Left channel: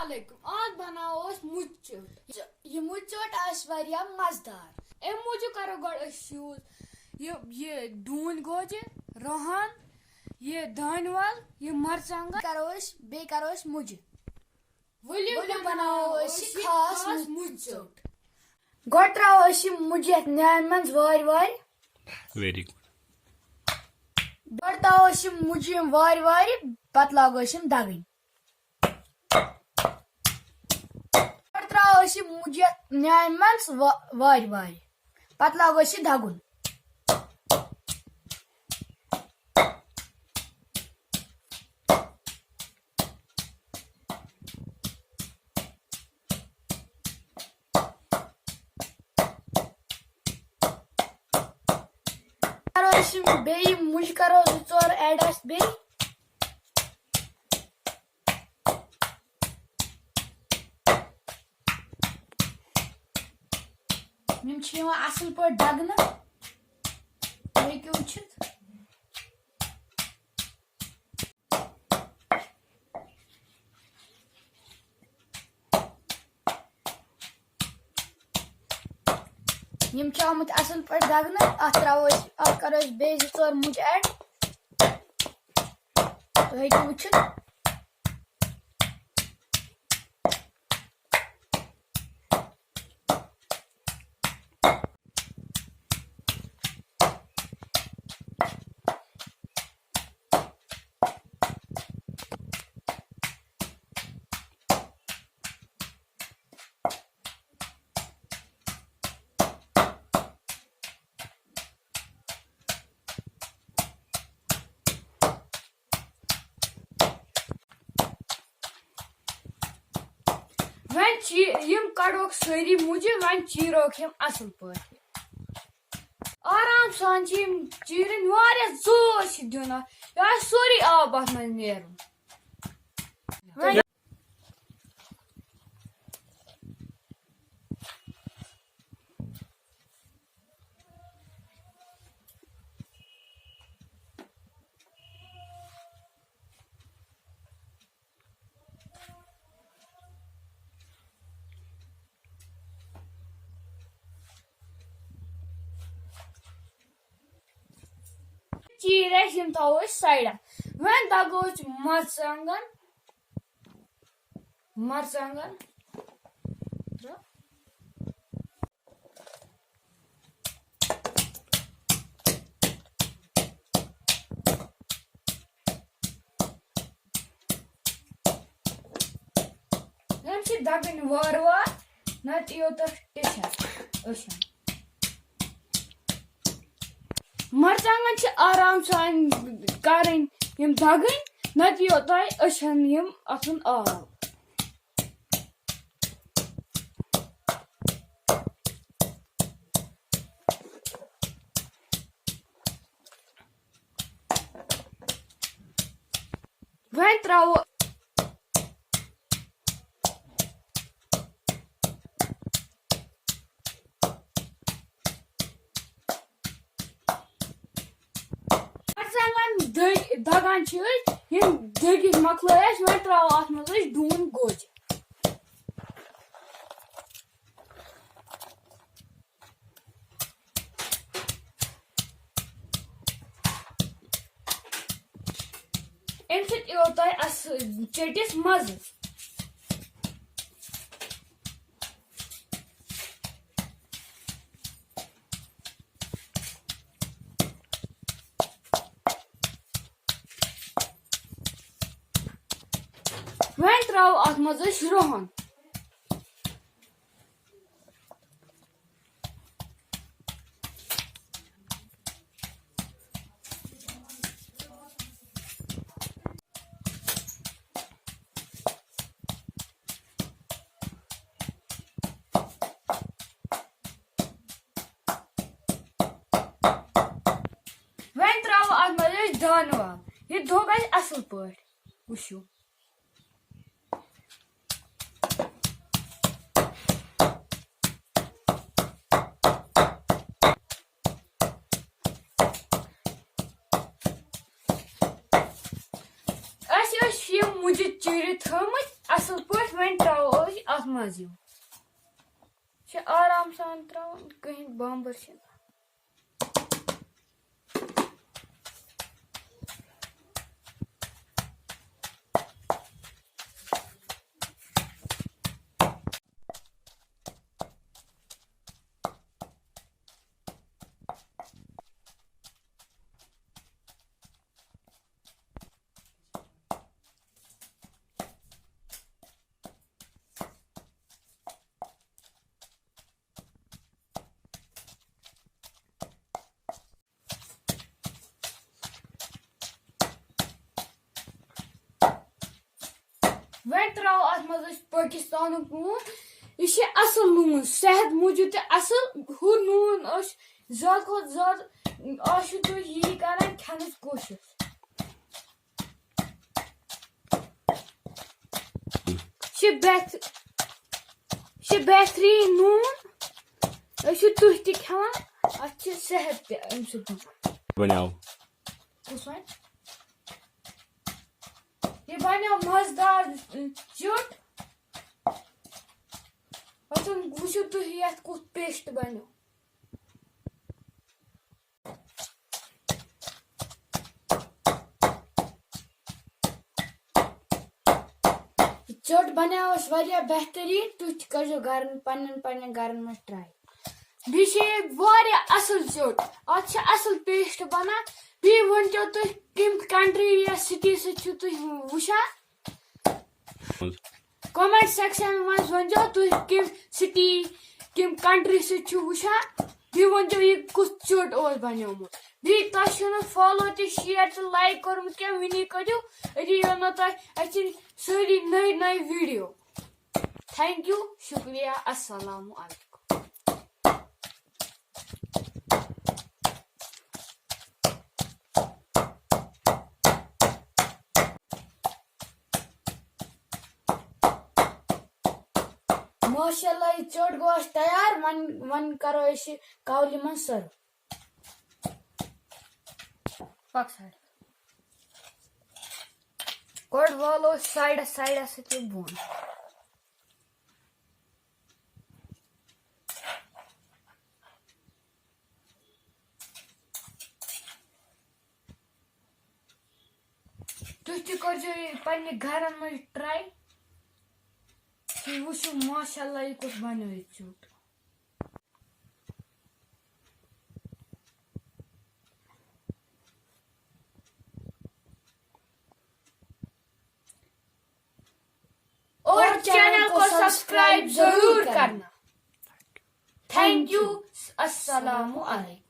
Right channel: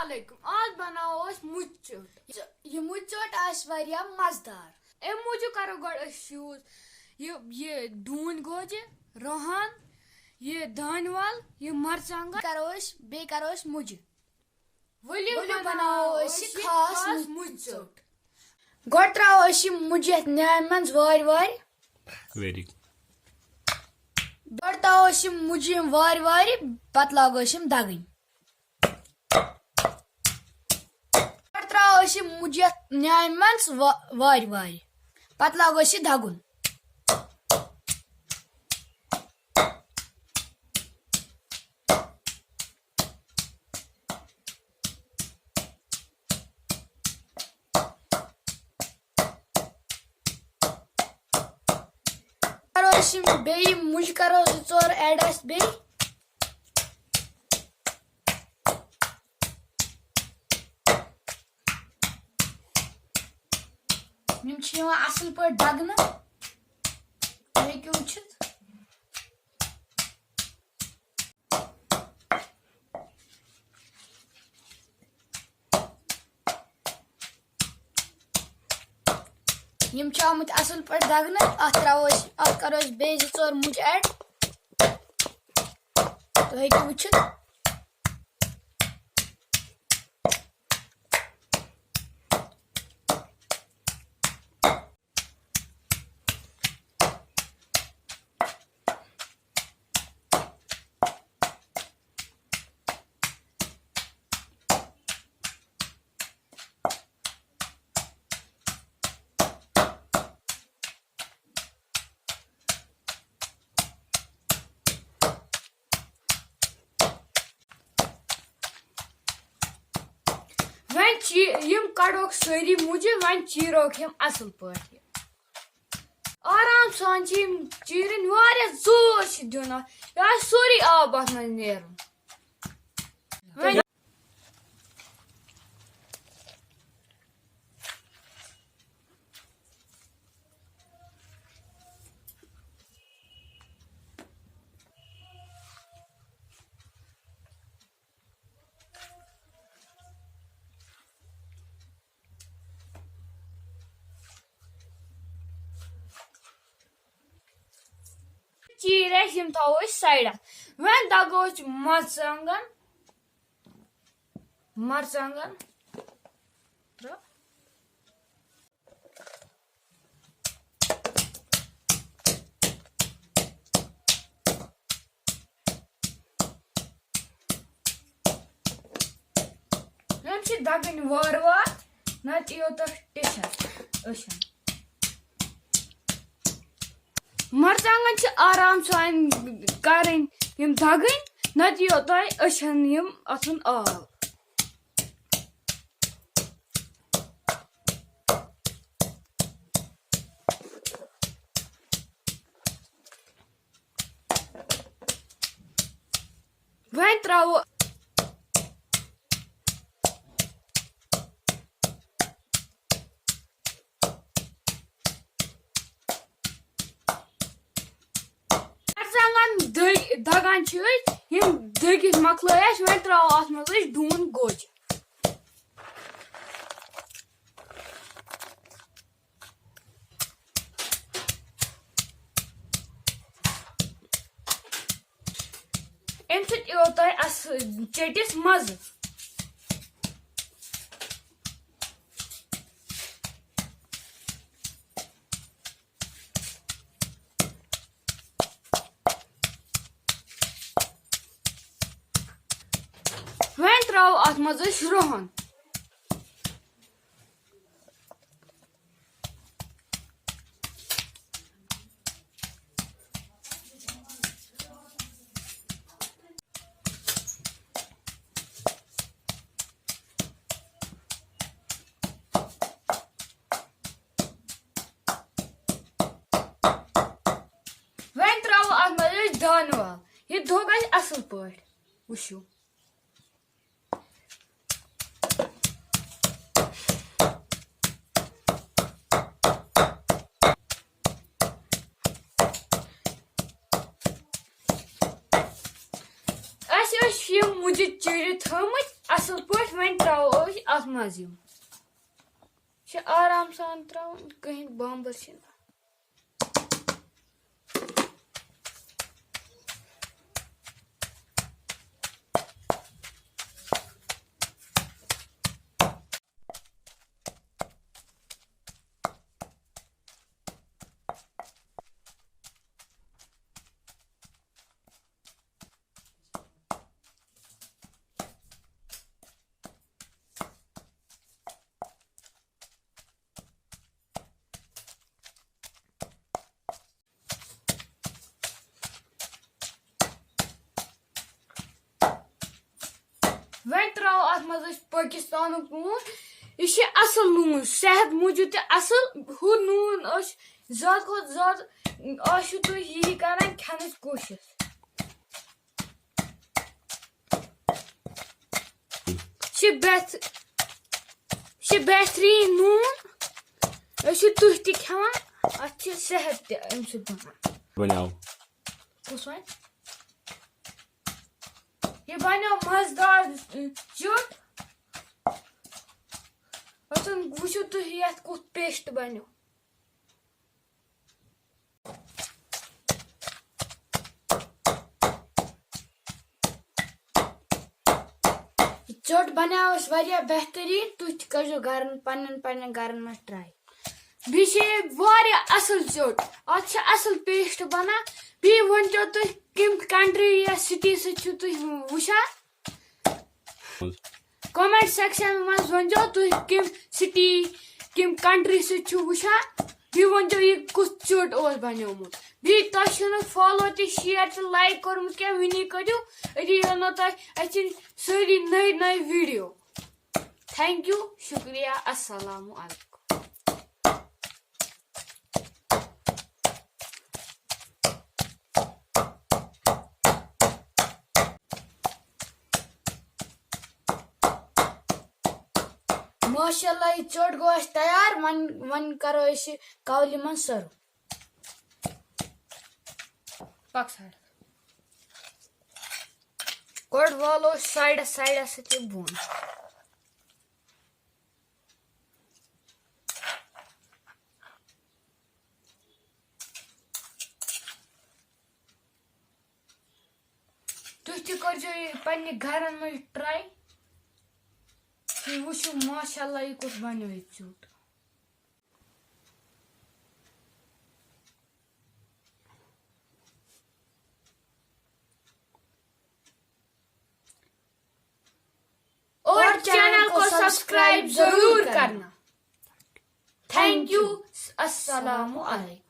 Assalamualaikum. आज बनाओ अस मुज चट। ये मुज चट आस वारिया मजेदार। ए मुझे करो गड यूज ये दून गोजे रोहन ये दानवाल ये मरचांगा करो मुझे वली बनाओ खास मुज चट। गड त्राओ मुझे न्यान मंज वार वार वेरी गुड गड ताओ मुझे वार वार पत लागो दगन मुझे न्यान मंज वार वार पत लागो दगुन बे मुझ करो जोर एड बे असल पे दगन वुचित आमुत असल पे दगन अत करो बे जोर मुझ एड तो वुचित वन कड़ोक सारी मुझे वन चीरोक असल पे आराम सान चीरन जोर दिन सोरी आब अत मन नेरन चीर थो साइड वन दगो मरचांगन दगन वार वार नत योत टिशन मरचांगन आराम सान करें दगन नत योत अथन आब वन त्रो दगान दगित मकल वन त्रो अत मज डून गोज अम चटिस मज वन त्रो अत मज रोहन वन त्रो अत मज दानवाल ये धो गई असल पे वुशु मुझे चीर थमत असल पे वन त्रो अत मज आराम सान त्रो कहीं बम्बर वन त्रो अत मज पाकिस्तान नून यह असल नून सेहत मूजूब असल हु नून ज्यादा खुद ज्यादा तुम यही करान खान कोशिश बेहतरीन नून तुह खान अत सेहत तम ये बनो मजेदार चुट वो तुह ये कुछ पेस्ट बनो चोट बनाओ बेहतरीन तुह करो घर पन्न घर में ट्राई बे असल चोट अत असल पेस्ट बना बी वन तुम कम कंट्री या सिटी वुचान कमेंट सेक्शन मज वन तुम कम सिटी कम कंट्री वुचान बी वन यह कुछ चोट बनोमुत बी तुम फॉलो तो शेयर तो लाइक कोर्मुत क्या वनी करू यो तुम सारी नई नई वीडियो थैंक यू शुक्रिया अस्सलाम वालेकुम माशाल्लाह ये चोट गो तैयार वन करो कावली मन सर्व गोड वालो साइड से बोन तुम तक घर में ट्राई वो माशाल्लाह ये कुछ बनो चूट और चैनल को सब्सक्राइब जरूर करना थैंक यू अस्सलाम वालेकुम।